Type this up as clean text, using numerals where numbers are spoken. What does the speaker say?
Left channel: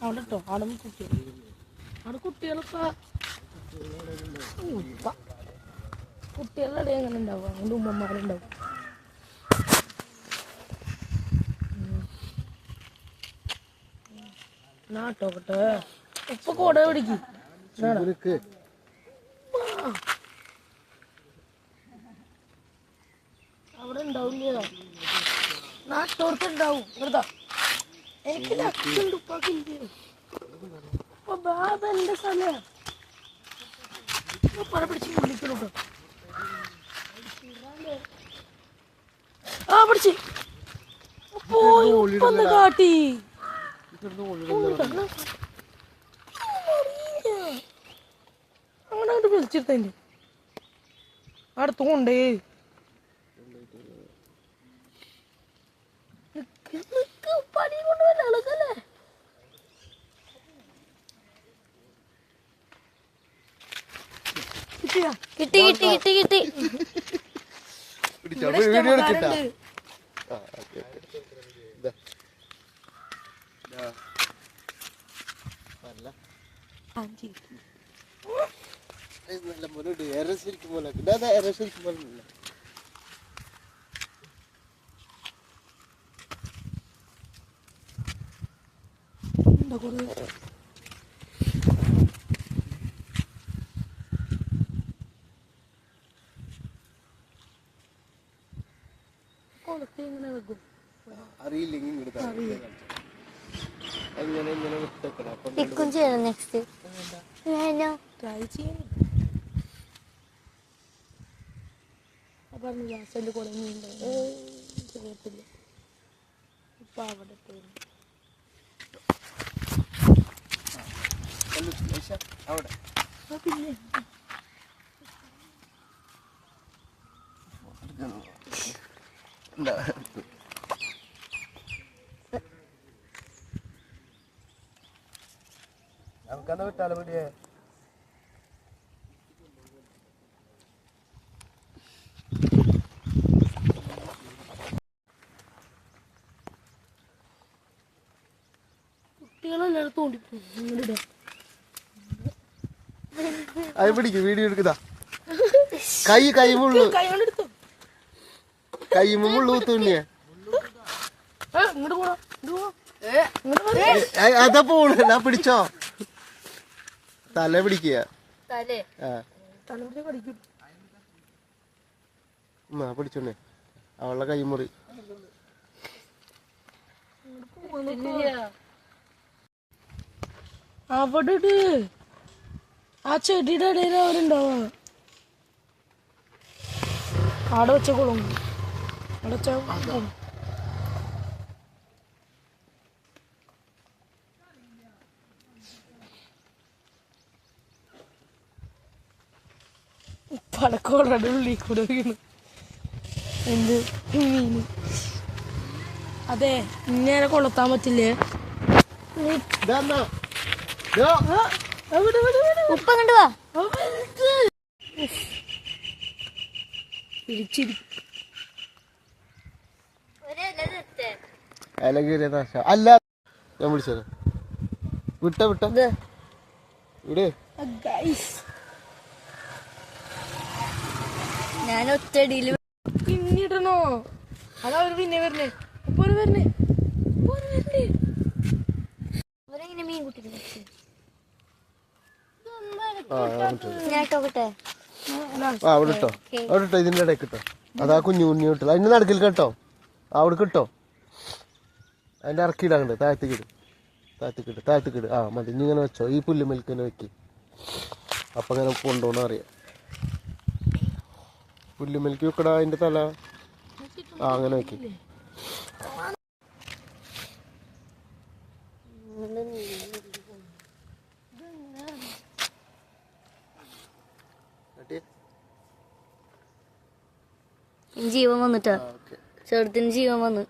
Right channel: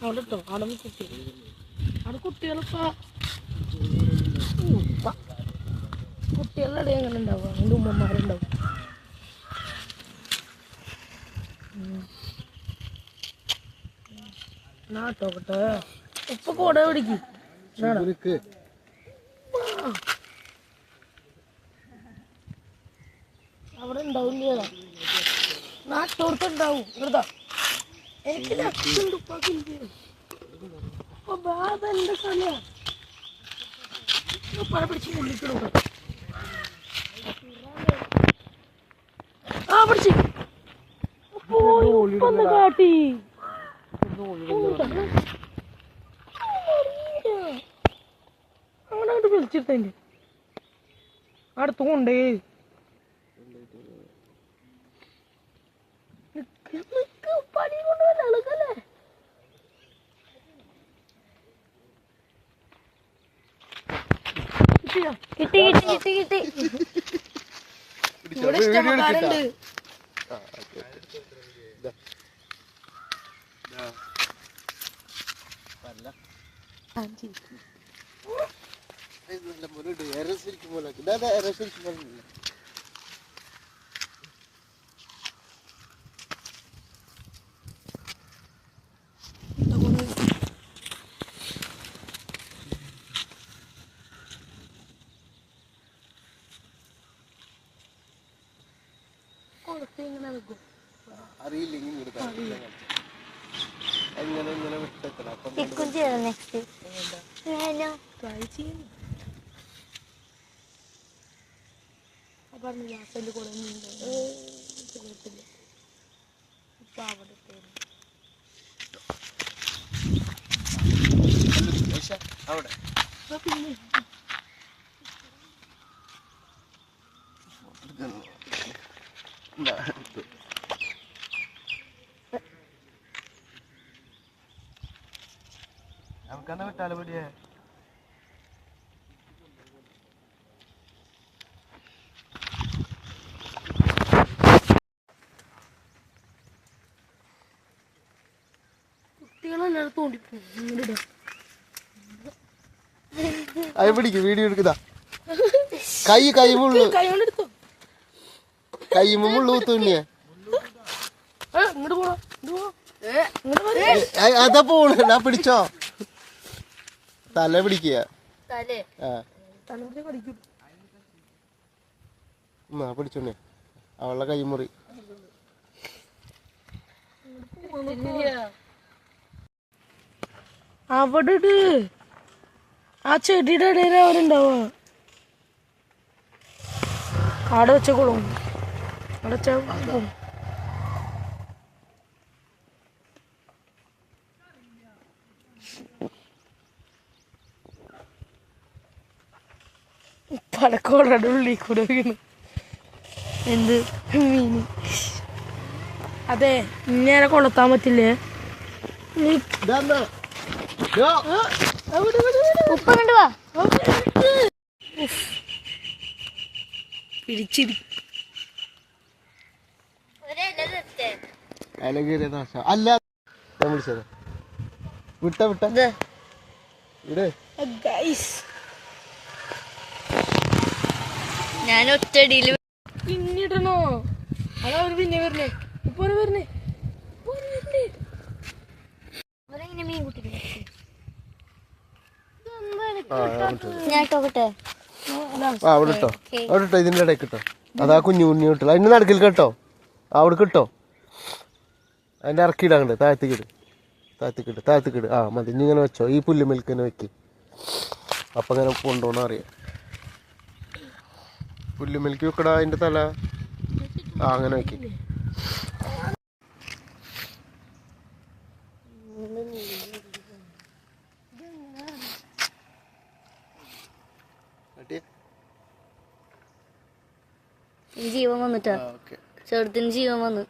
അവിടെ ഇട്ടോ അവിടെ കുട്ടി അവിടെ കുട്ടികളിപ്പോ കുട്ടികളുടെ ഇടയിൽ എങ്ങനെ ഉണ്ടാവുക അതുകൊണ്ട് ഉമ്മമാരുണ്ടാവും. നാട്ടോക്കട്ടെ ഉപ്പ കൂട പിടിക്കും അവിടെ ഉണ്ടാവില്ല നാട്ടോർക്കുണ്ടാവും വെറുതെ എനിക്ക് ലക്ഷുണ്ട് ഉപ്പാക്കില്ല ഉപ്പ ബാബ എന്റെ സമയം പല പിടിച്ച് വിളിക്കണോ ആ പിടിച്ച് പോയി ഉപ്പൊന്ന് കാട്ടി അങ്ങനെ വിളിച്ചിട്ടേ അടുത്ത് കൊണ്ടേ പണി കൊണ്ടുവല്ല എളുക്കല്ലേ കിട്ടി കിട്ടി കിട്ടി കിട്ടി ഇവിടെ ഇഷ്ടമാരുണ്ട്. നമുക്കെന്നാ വിട്ടാലോ പേടിയേ കുട്ടികളെല്ലാവരും തോണ്ടിപ്പോ അത് പിടിക്കും വീഡിയോ എടുക്കുതാ കൈ മുള്ളു കൈ മുള്ളു തൂന്നിയേ അതാ പോണ ഞാൻ പിടിച്ചോ തല പിടിക്കുക പിടിച്ചോണ്ടേ അവളുടെ കൈമുറി അവിടെ ആ ചെടിയുടെ ഇടയിൽ അവരുണ്ടാവാ അവിടെ വെച്ചോളും അവിടെ വെച്ചോളും പടക്കോടെ ഉള്ളിൽ കൂടെ വീണു എന്ത് മീന് അതെ ഇങ്ങനെ കൊളുത്താൻ പറ്റില്ലേ ഉപ്പ കണ്ടുവാ പിടിച്ചിരിക്കും അല്ല ഞാൻ വിളിച്ചത് വിട്ട വിട് ഞാൻ ഒറ്റടിയില് പിന്നിടണോ അതാ ഒരു പിന്നെ വരണേ ഇപ്പൊ വരണേ മീൻ കുട്ടി ഞാൻ നോക്കട്ടെ അവിടെ ഇട്ടോ ഇതിന്റെ ഇടയ്ക്ക് ഇട്ടോ അതാ കുഞ്ഞു കിട്ടോ അതിന്റെ നടക്കിൽ കേട്ടോ അവിടെ കിട്ടോ അതിന്റെ ഇറക്കിയിടാണ്ട് താഴത്തേക്കിട് ആ മതി ഇനി ഇങ്ങനെ വെച്ചോ ഈ പുല്ലുമേൽക്ക് തന്നെ വെക്ക് അപ്പൊ ഇങ്ങനെ കൊണ്ടോണ അറിയാം പുല്ലുമേൽക്ക് വെക്കടാ അതിന്റെ തല ആ അങ്ങനെ വെക്ക് ജീവൻ വന്നിട്ടാ ചെറുത്തിന് ജീവൻ വന്നു